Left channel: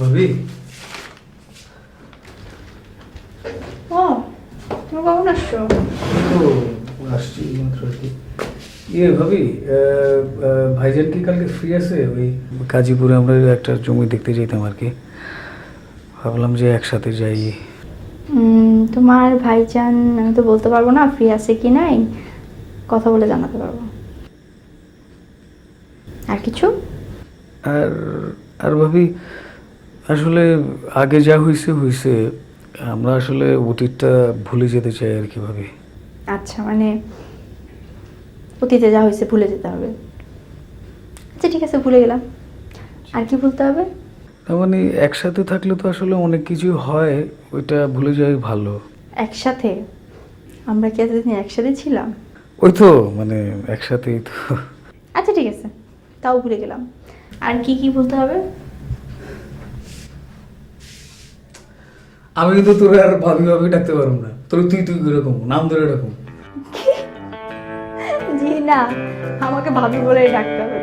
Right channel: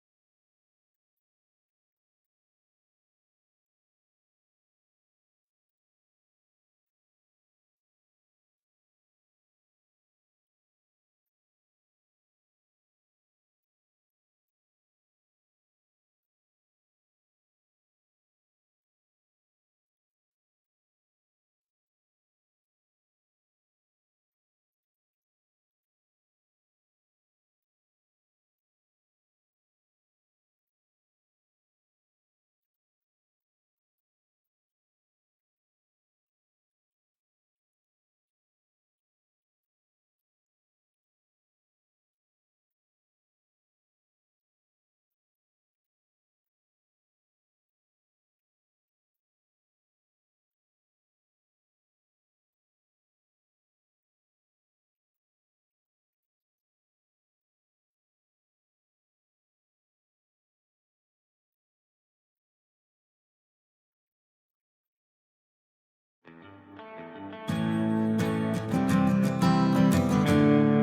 ভাবি? ও তুমি কখন আসছো? তো আসছি মাত্র আর কি। ইয়ে ভাবি ভাইজান কি কালকে ফ্রি আছে? ওই গাজীপুরে আমরা একটা জমি দেখতে যেতাম আর কি। ভাবলাম যে একসাথে যাই। তোমার ভাইজান আমি তো বলতে পারব না ফ্রি আছে কি নাই। কথা বলে জানাতে পারব। আর কিছু? আর আর ভাবি আসলে আগে যা হয়েছে হয়েছে আমরা আসলে অতীতটা ভুলে যেতে চাই আর কি ভাবি। আচ্ছা মানে অতীতে যা হয়েছে ভুলে যেতে হবে। আচ্ছা ঠিক আছে ভুলে গেলাম। আর কি ভুলতে হবে? তার মানে একসাথে থাকলে তো আসলে অনেক কিছু হয় ওইটা ভুলে যাওয়াই ভালো। একসাথে? আমরা কি এতদিন একসাথে ছিলাম? ওই তো মানে একসাথেই তো। আচ্ছা ঠিক আছে। তাও ভুলে গেলাম। আর কি কি বলতে হবে? আমি কিন্তু তোর আর ভাবি ভাবি ডাকতে পারব না। তোর তুই তুই এরকম নাম ধরে এরকম জি না আমাকে ভাবি বলে ডাকতে হবে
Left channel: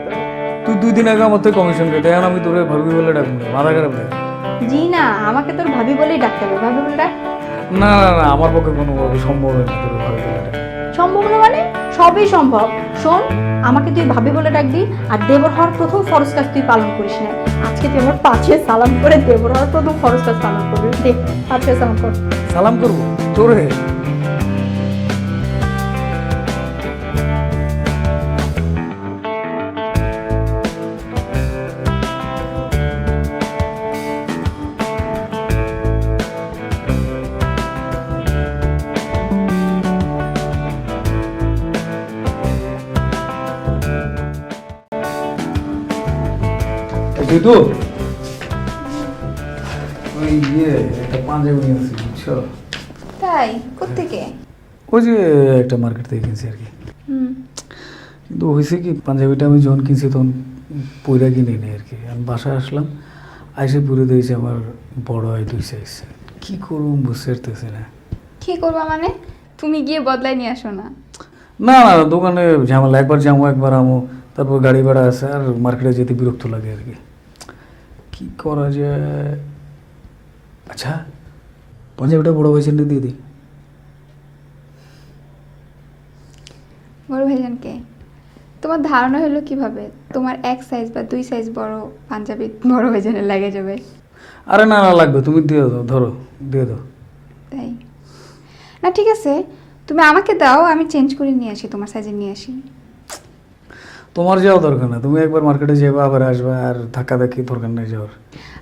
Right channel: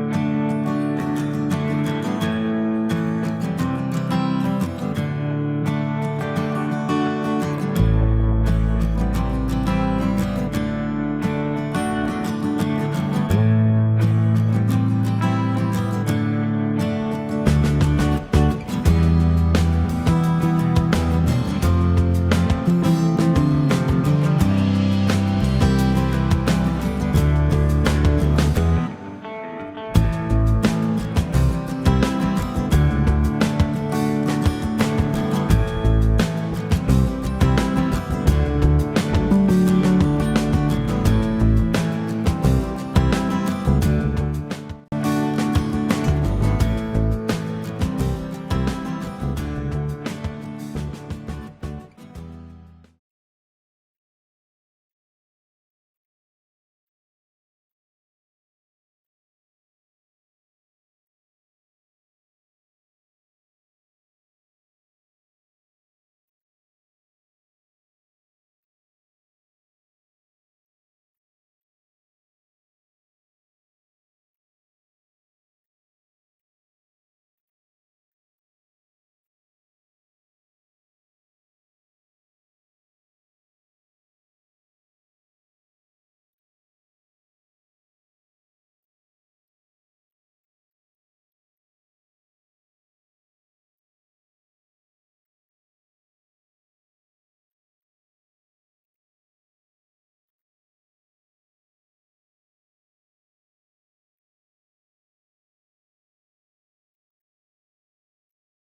তুই দুই দিন আগে আমার তো কমিশন কেটে আর আমি তোরে ভাবি বলে ডাকবো মাথা খারাপ না। জি না আমাকে তোর ভাবি বলেই ডাকতে হবে ভাবি বলে ডাক। না না না আমার পক্ষে কোনো সম্ভব হচ্ছে সম্ভব না মানে? সবই সম্ভব। শোন আমাকে তুই ভাবি বলে ডাকবি আর দেবর হওয়ার প্রথম ফরজ কাজ তুই পালন করিস না। আজকে তুই আমার পাশে সালাম করে দেবো প্রথম ফরজ সালাম করবে। পাশে সালাম কর সালাম করব? তোরে? তো? ওই ইয়ে একটা পাঞ্জাবি নিয়েছি বুঝছ? তাই? কোত্থেকে? ওই যে একটা মার্কেট থেকে কিনছি আর কি। হুম। কিন্তু হয়েছে কি পাঞ্জাবিটা আমি যখন কিনছি তখন পয়রা কিনে নিই আর কি। আমি বাসায় আসলাম আইসে পুরে দিয়েছে আমার বড় হয় দুই সাইজ কী করব বুঝতে পারতেছি না। কি করবা মানে? তুমি গিয়ে বদলাই নিয়ে আসো না। না না দোকানে ঝামেলা একবার যাব একবার আমো তারপর গাড়ি ভাড়া আছে আর মার্কেটে যেতে বিরক্ত লাগে আর কি। কী করা যায় আচ্ছা পাঞ্জাবিটা বড় ভাইজান দিয়ে দিই বড় ভাইজানকে তোমার ধারণা হলো কীভাবে? তোমার এক সাইজ বা দুই সাইজ বড় পাঞ্জাবি বড় ভাইজানের লাগে যাবে? আরে না না লাগবে। তুমি দিয়ে দাও ধরো দিয়ে দাও। তাই? না ঠিক আছে। তুমি আমাকে দাও আমি চেঞ্জ করে নিয়ে আসি তোমার সাইজে নিয়ে আসি। তোমার যাওয়া দরকার না। তুমি একবার মার্কেটে যাবে আবার আসবে আর ধাক্কা ধাক্কি দরকার নেই যাওয়ার।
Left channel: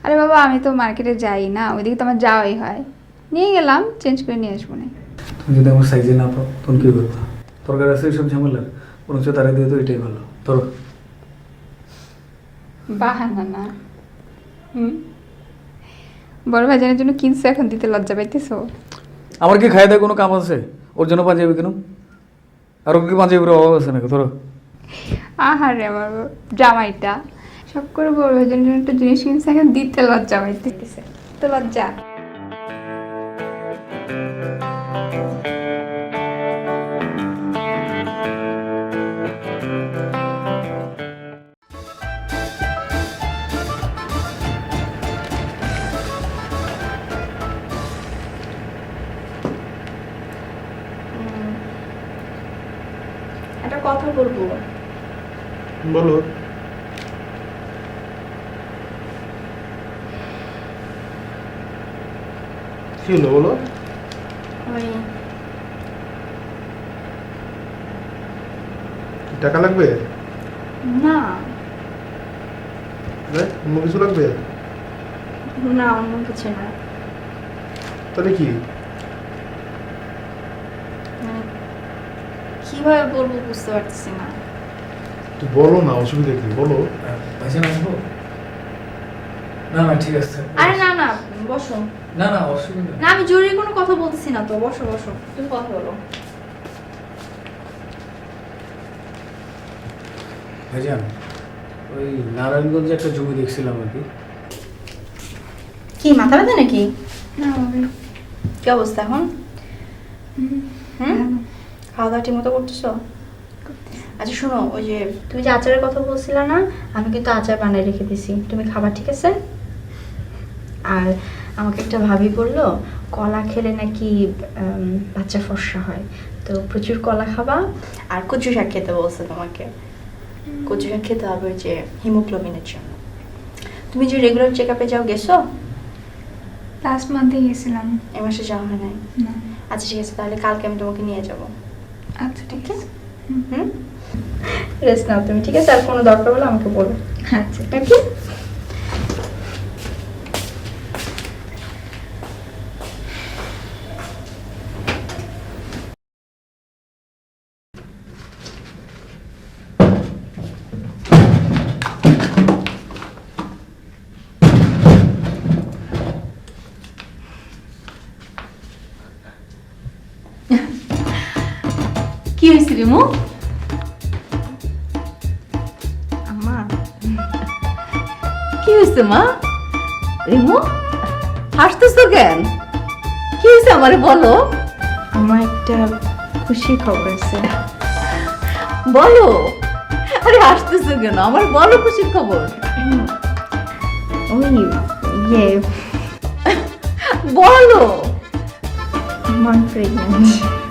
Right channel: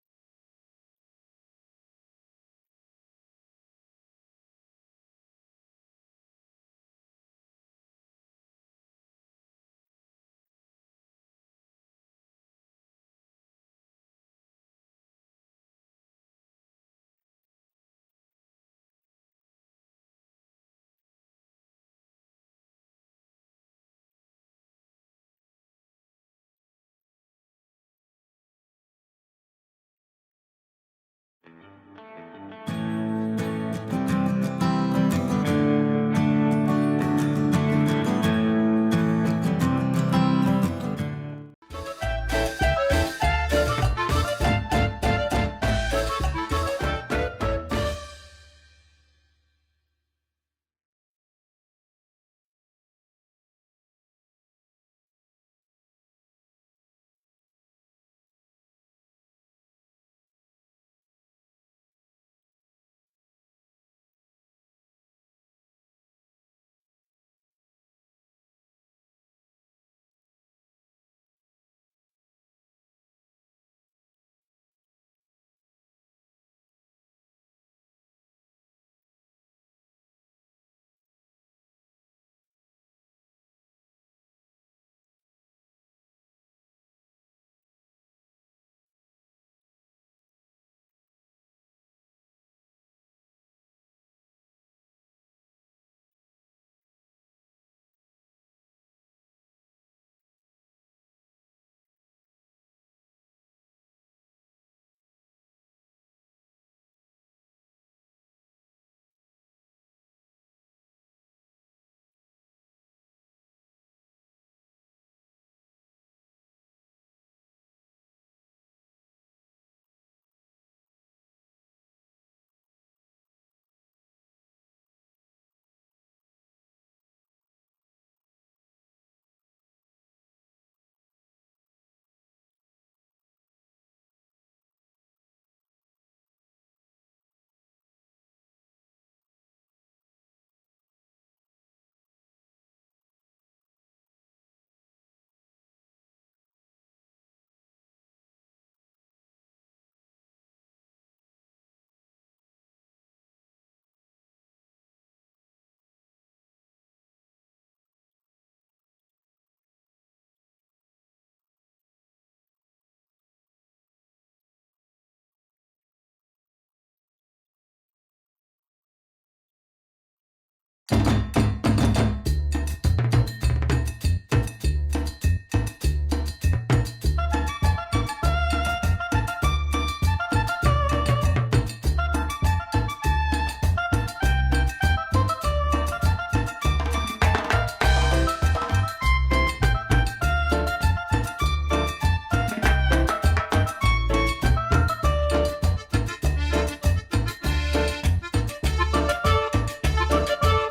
আরে বাবা আমি তো মার্কেটে যাই না। ওইদিকে তো আমার যাওয়াই হয়। নিয়ে গেলাম চেঞ্জ করে নিয়ে আসব না তুমি যদি আমার সাইজে না পাও তখন কী করব? দরকার আছে এইসব ঝামেলা বরঞ্চ তারা দিয়ে তো এটাই ভালো। ধরো। বাহানা না। হুম? বড় ভাইজানের জন্য কিনছো এখন দিতে লজ্জা পাইতেছো? আমার কি খাই দেয় কোনো কাম আছে? ওর জন্য পাঞ্জাবি কেন আর ওর কি পাঞ্জাবির অভাব আছে নাকি? ধরো। আহারে আমার জামাইটা। সব করে বড় জন্য একটা জিনিস কিনছে, এখন দিতে লজ্জা পাইতেছে। তো লজ্জা। একটা কথা বলব। বলো। কি হলো বলো? টাকা লাগবে? না। অন্য কিছু লাগবে? না অন্য কিছু না। তাহলে কি? মানে কীভাবে বলব বুঝতে পারতেছি না। তুই বলো না অসুবিধা কি? বলো। ভাইজান আসব না না ঠিক আছে। আরে না না বসো। না না অসুবিধা না আমি জরুরি কোনো কথা বলতেছি না তো। বসো বসো। তুমি কথা বলো। ভাইজান ওই নারায়ণগঞ্জে একটা জমি দেখছিলাম আর কি। কি মাথা ব্যথা নাকি? না কি অবস্থা এখন? হুম? খাওয়া দাওয়া ঠিক মতো করতেছো? আচ্ছা শোনো ওই যে তুমি যে আচারের কথা বলছিলে না আমি কিন্তু আচার বানিয়ে রেখে দিছি। তুমি খাবার ঠিক আছে? আর আমাকে একটা ভাবি বলল কলা খেলে নাকি বাচ্চা ফর্সা হয়। তো প্রচুর কলা খাবা। আর কচু শাক খেতে বলছে তোমাকে। কচু শাক খেতে হবে ওই যে হিমোগ্লোবিনের জন্য। তুমি যে রেগুলার চেক আপে যাও গেছো? লাস্ট মান্থে গেছিলাম। এ মাসে যাওয়া হয় নাই? আচ্ছা ঠিক আছে তাহলে কালকে আমি তোমাকে নিয়ে যাব। আচ্ছা ঠিক আছে। রেস্ট নাও তুমি ঠিক আছে? আর কোনো দরকার হলে আমাকে বলো। আচ্ছা। ওকে হয়েছে রিমু কি হয়েছে মা রিমু হাসতেছো কেন কি হয়েছে আমারে বলো আমার একটা খুশি খবর আছে বলো আরে হাসতেছো কেন আমার বলো খুশির খবর ওই ইয়ে বলো আমার প্রেগনেন্ট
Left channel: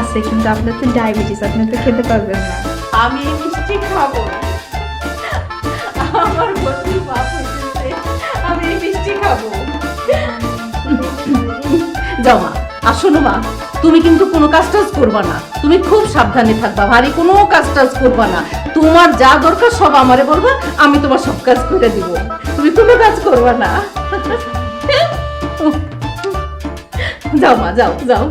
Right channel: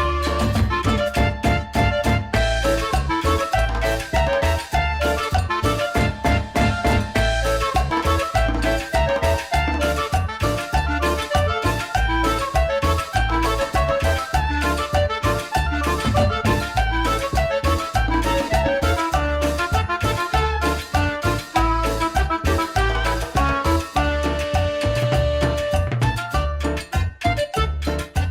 আছে কিন্তু আপনার তো ডায়াবেটিস আপনি তো খেতে পারবেন। না আমি মিষ্টি খাব। মা। তুমি কিন্তু কোনো কাজ টাজ করবা না। তুমি খুব সাবধানে থাকবা ভারী কোনো কাজ টাজ করবা না। তোমার যা দরকার সব আমারে বলবা আমি তোমার সব কাজ করে দিব। তুমি কোনো কাজ করবা না। যাও মা যাও যাও।